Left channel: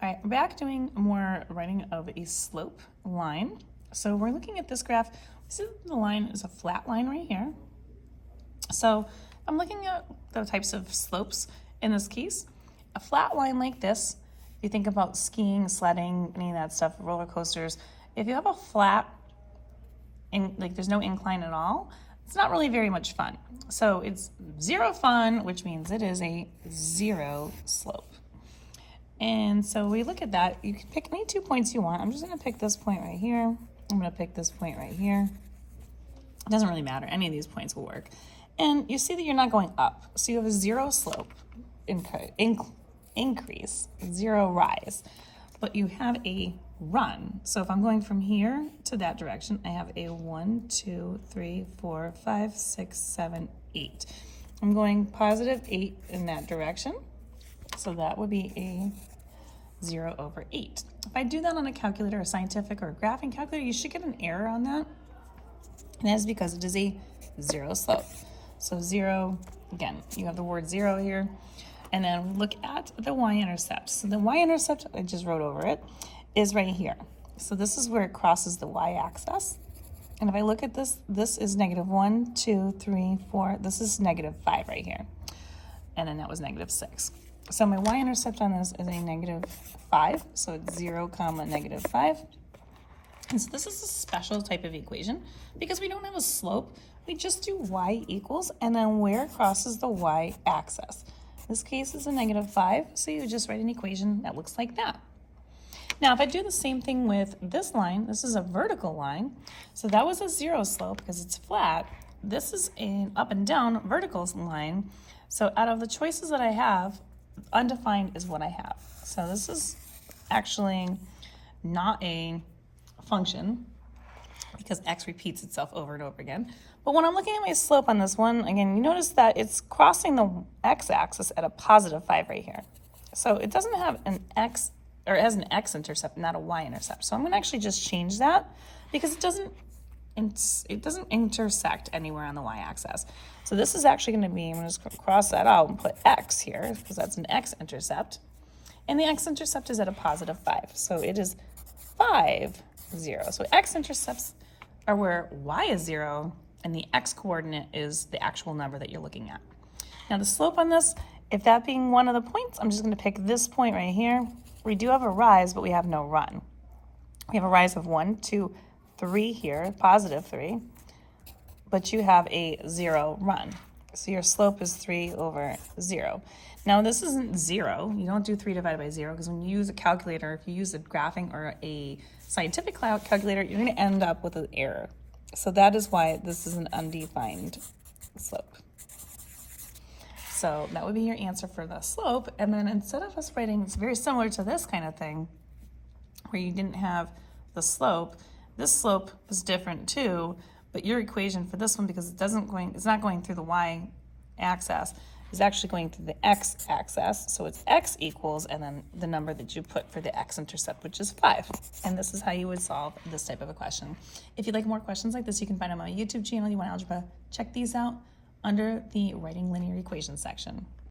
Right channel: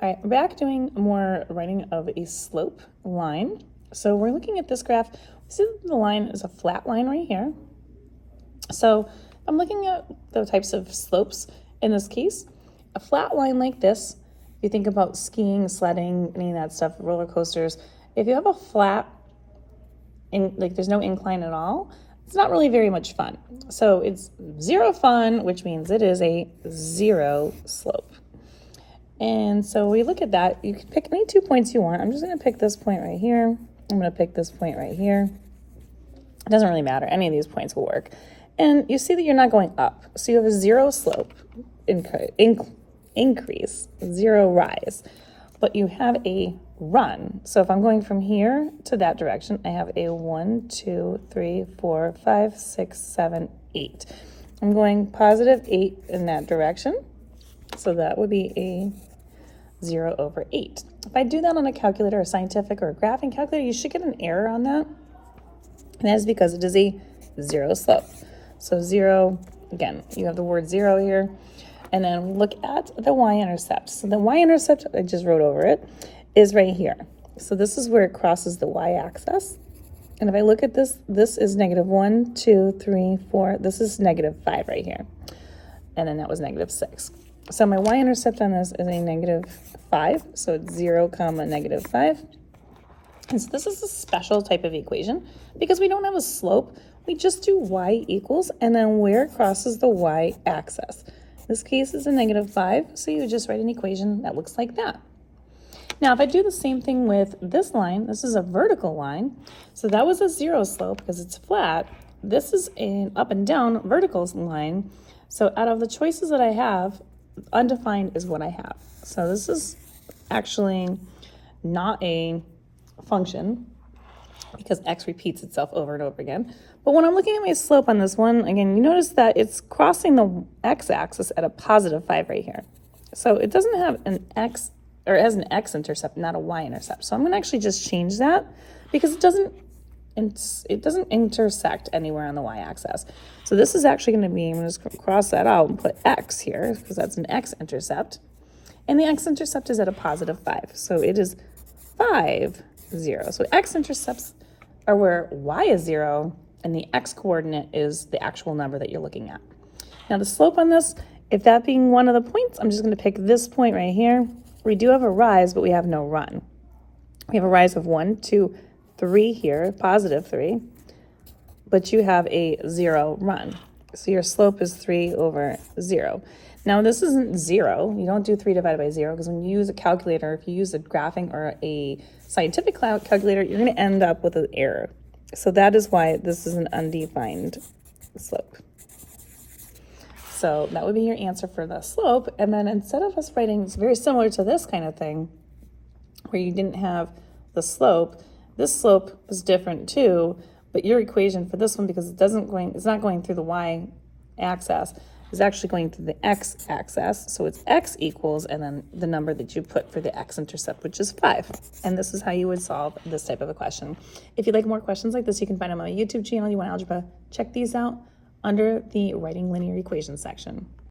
All right, back doing more writing of a slope line. So we're looking at this graph. See the line is a flat line right here. So I'm looking at the types of slopes in this case. A flat line like this, you think about skiing, sledding, any of that stuff, roller coasters. If you have a flat, like there's no incline at all, it's not really very much fun. So it's zero fun, which means it is a zero slope. And so we look at that. You can pick any 2 points you want. I'm just going to pick this point right here. I'm going to pick this point right here. It doesn't really matter. Any of these points will work. And you see that you're not going up. So you have a zero slope increase, zero rise. But you have a run. So if I'm going from here to that direction, I have a 1, 2, 3, 4, 5, 6, 7, 8. I'm going positive 8 in that direction. So that would be a 0 over 8. If I do that on a calculator, a scientific or a graphing calculator, you should get an error on that. And that is because it is a zero slope. So 0, again, you have the word 0 here. And then look at the y-intercept. So the y-intercept, I just wrote over it, is right here. So this is where it crosses the y-axis. And if I look at this, this is negative 1, 2, 3, 4. This is negative 5 right here. And then that was negative 6. So my y-intercept on this is a negative 5. So it's 0, comma, negative 5. And so this is a special type of equation because we don't have a slope. We just do y equals and then where it crosses the y-axis. This case is a negative 5, so you just write an equation that looks like that. Now, if I do the same thing with this line, this is a vertical line. So that was a zero slope because it's flat. This is an up and down vertical line. So out of the choices that I have, undefined is what I have. So this is actually not a function because x repeats itself over and over again. But when I'm looking at my slope on this one, again, you notice that it's crossing the x-axis at a positive 5 right here. So it doesn't have an x, or it has an x-intercept, not a y-intercept. So I'm going to actually just change that because it doesn't intersect anywhere on the y-axis. So this is actually going to be, I'm going to just cross that out and put x here because that's an x-intercept. And the x-intercept is at a positive 5. So it is 5, 0. So x-intercepts are where y is 0 and the x-coordinate is the actual number that you're looking at. Now the slope on this, if that being one of the points, I'm just going to pick this point right here. We do have a rise, but we have no run. We have a rise of 1, 2, 3 here, positive 3, but you have a 0 run. So your slope is 3 over 0. Now this isn't 0. You don't do 3 divided by 0 because when you use a calculator, if you use a graphing or a scientific calculator, you're going to end up with an error. So that is why this is an undefined slope. So that would be your answer for the slope. And then instead of us writing, it's very similar to this kind of thing where you didn't have the slope. This slope is different too, but your equation for this one, because it's not going through the y-axis, is actually going through the x-axis. So it's x equals, and then the number that you put for the x-intercept, which is 5. And this is how you would solve this type of a question. If you'd like more questions like this, you can find them on my YouTube channel, You Want Algebra. Check these out under the Writing Linear Equations section.